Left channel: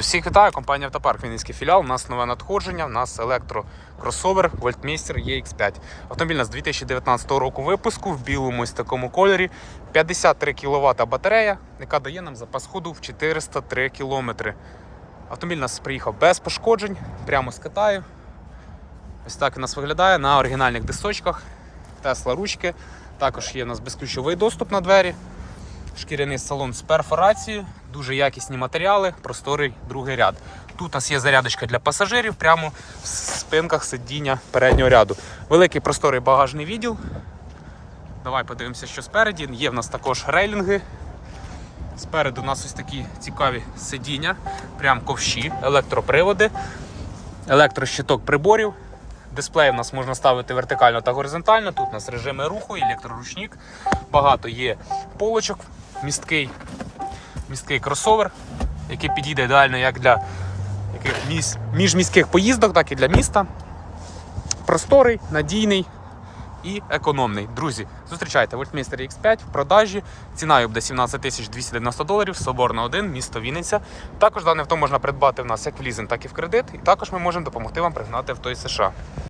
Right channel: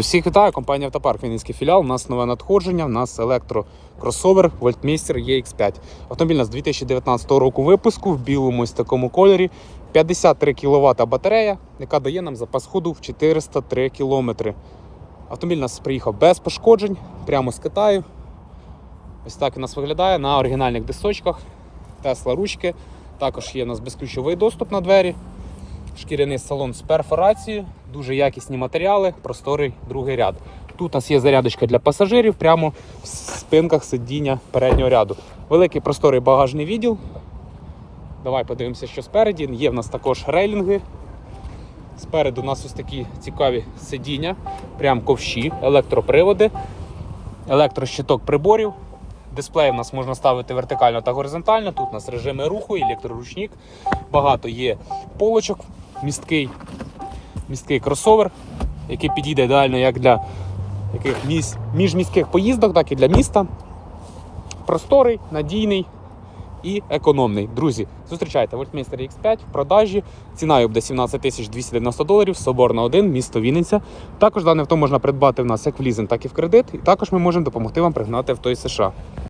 Всіх вітаю, компанія Автопарк Вінницький філіал. У нас нове надходження. У нас електрокросовер Voltmeister EX5. Автомобіль у нас 2019 року випуску в білому ось такому кольорі. 53 кВт батарея, яка дає нам запас ходу в 403 км. Автомобіль нас приїхав без пошкоджень, прямо з Китаю. Ось так у нас виглядає на оригінальних дисочках. Тесла ручки. Також є у нас безключовий доступ на двері. Шкіряний салон з перфорацією, дуже якісні матеріали, просторий другий ряд. Тут у нас є зарядочка для пасажирів прямо в спинках сидіння переднього ряду. Великий просторий багажний відділ. Давай подивимося, що спереді. Є в нас також рейлінги. Спереду у нас ось такі цікаві сидіння, прям ковші, електроприводи, електрощиток приборів. Дисплей у нас можна ставити вертикально та горизонтально. Тут у нас режими руху, електроручник. Багато є полочок, місткий, місткий кросовер, який підійде ідеально як для яких міс, міжміських поїздок, так і для міста. Просторий, надійний і економний. Друзі, зустрічайте Voltmeister X5 в продажі. Ціна буде 17 тисяч 290 доларів, Соборна 1, місто Вінниця. Також дане авто можна придбати в нас як в лізинг, так і в кредит. І також ми можемо допомогти вам пригнати авто із США.